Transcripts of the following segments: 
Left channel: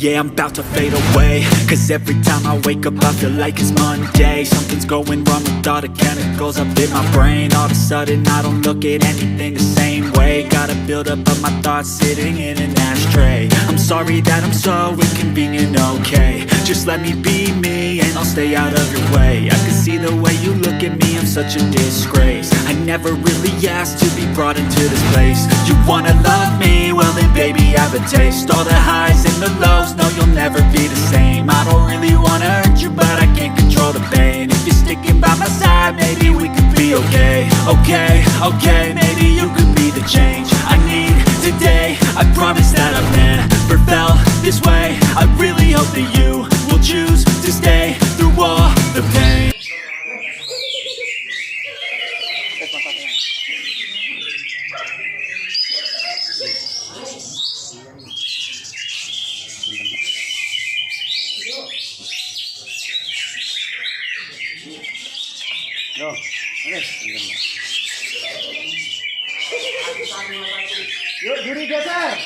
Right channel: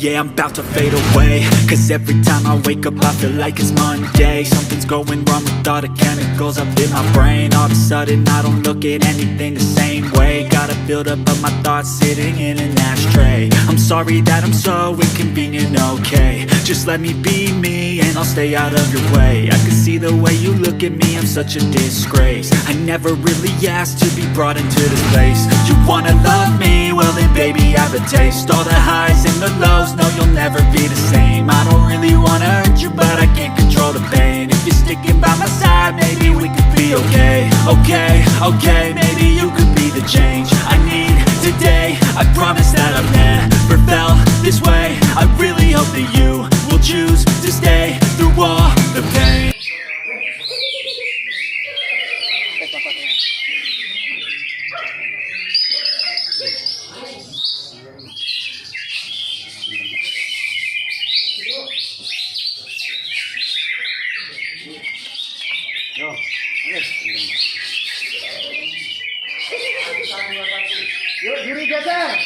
Yeah, I'm about to fade away, cause every time I wake up I feel like it's Monday. Something's going wrong with all the chemicals up in my brain. All of a sudden I don't look at anything the same way. Got a buildup of my thoughts sitting in an ashtray. I'm sorry that I'm so inconvenient, okay. Just let me be me and I'll stay out of your way. I can see the way you look at me, I'm such a disgrace. I never really asked to be brought into this place. You wanna love me? Well then baby I have a taste. All the highs and the lows, no you'll never be the same. I don't really wanna hurt you but I can't control the pain. If you're sticking by my side, maybe we could be okay. Okay, maybe you could be the change I need today. I promise that I've never felt this way. I really hope that you will choose to stay through all the pain. Yuk, Juri geser.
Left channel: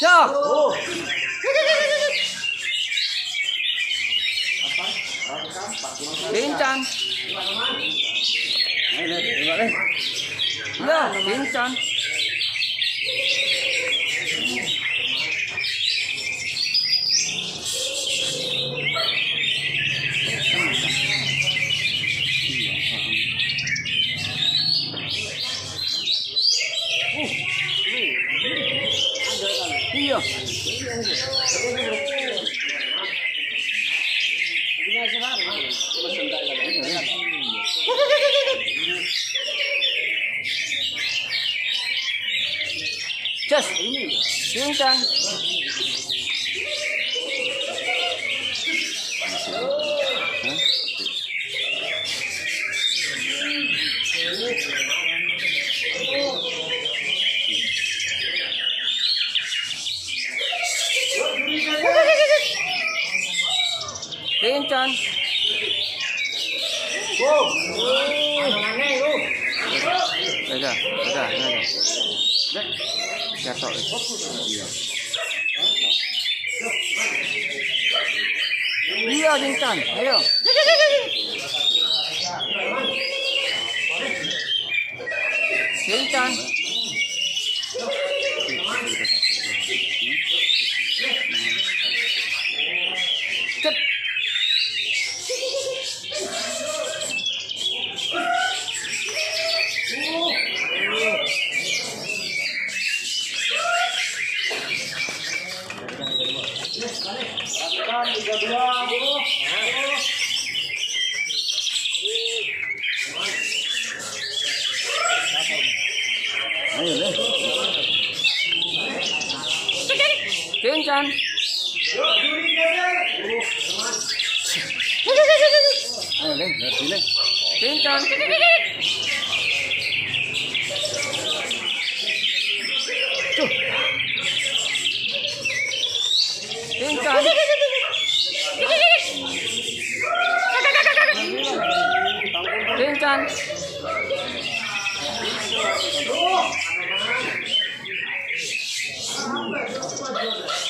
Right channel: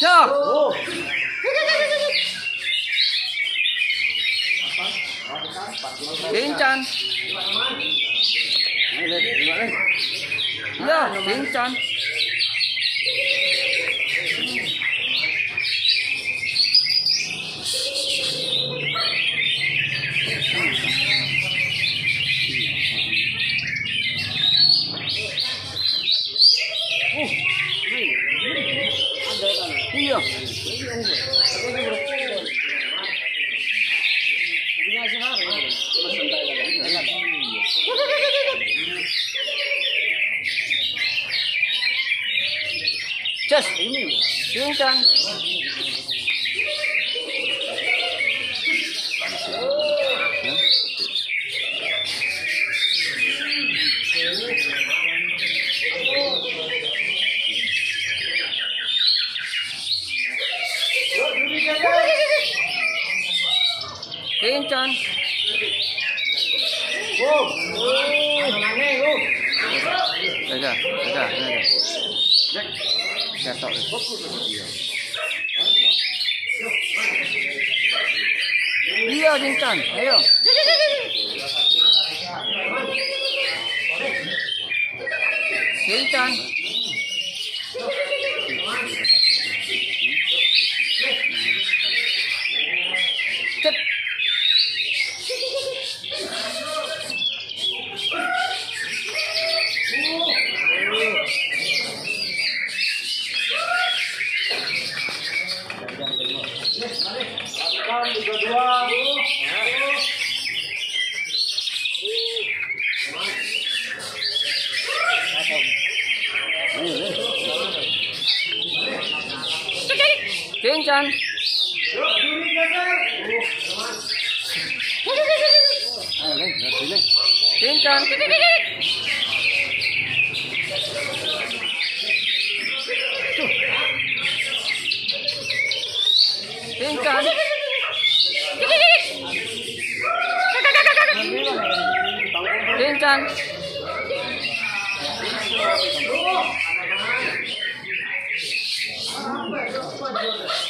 Cok. Sinchon. Iya, Sinchon. Iya. Just Sinchon. Sinchon. Dadah. Jatuh. Iya, Sinchon. Ayo. Sinchon. Cep. Sinchon. Sinchon. Sinchon. Sinchon.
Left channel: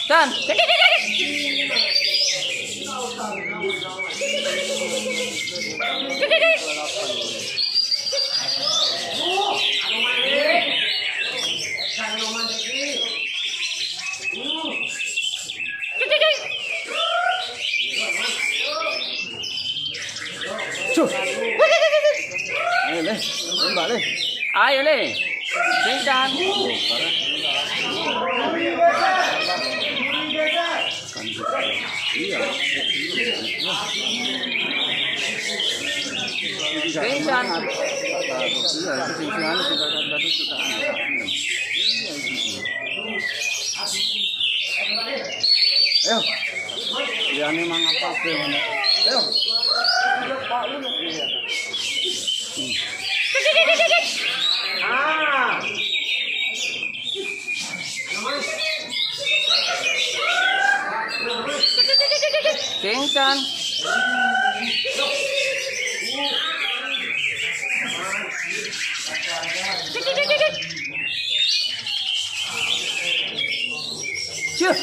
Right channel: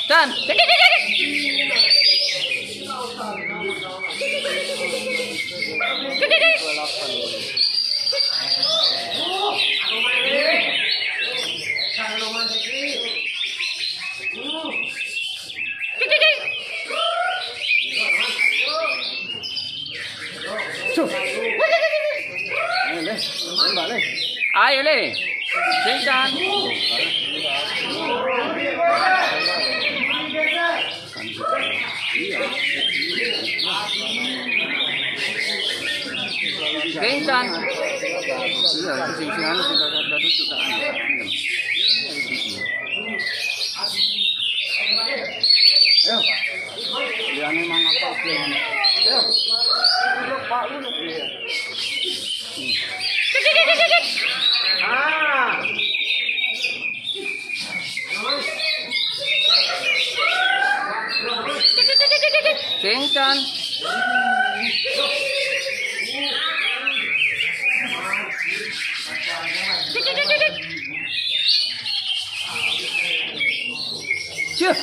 Chan. Ayo le. Sinchon. Sinchon. Iya, itu Sinchon sudah tutup kan. Ayo. Ya memang apa sih? Ayo. Pak lu. Ah. Sinchon. Cia.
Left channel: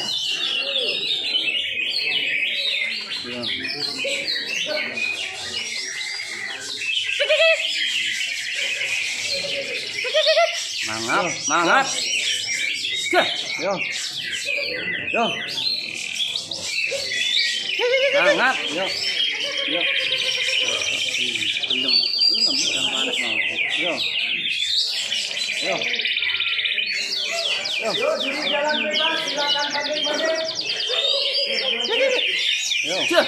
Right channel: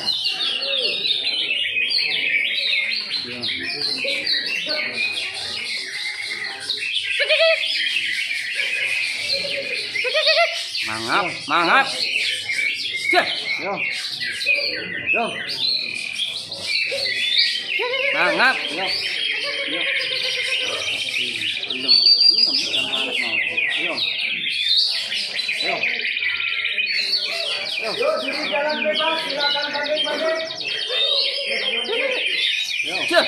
Mangap, mangap. Cia. Yo. Yo. Mangap. Yo. Yo. Belum. Yang panas mau. Yo. Yo. Yo, juri jalan bebas, silakan banding-banding. Yo. Cia.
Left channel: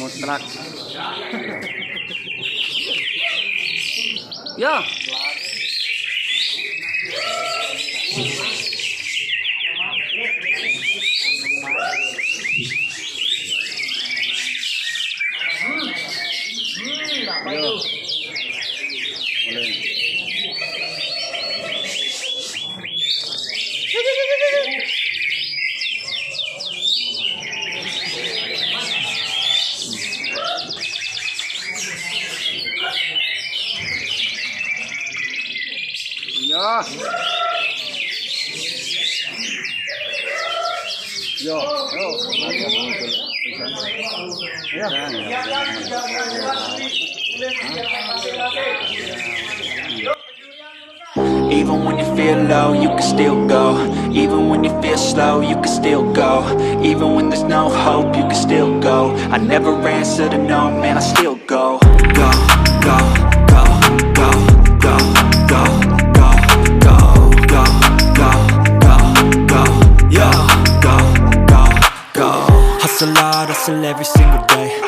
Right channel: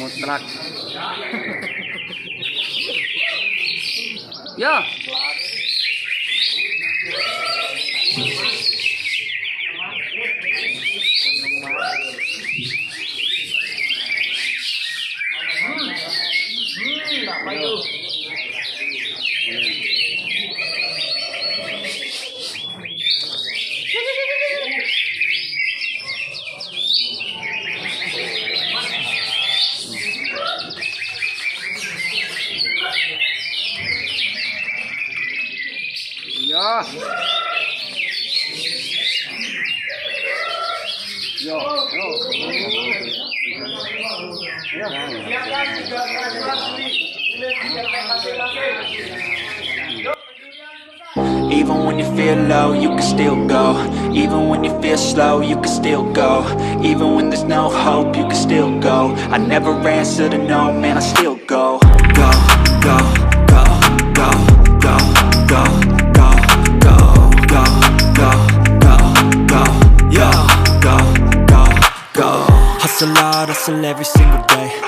Mutlak. Ya. Apa itu? Ya. Yo. Yo. Siapkan 13 jelas juri. Tulis siapkan masing-masing. Even when you feel low, you can still go. Even when you feel slow, you can still go. Even when there's no hope, you can still go. I never answer to no, man, I still go. Go, go, go, go, go, go, go, go, go, go, go, go, yeah, go, go, go. Hustle hard, hustle every single day.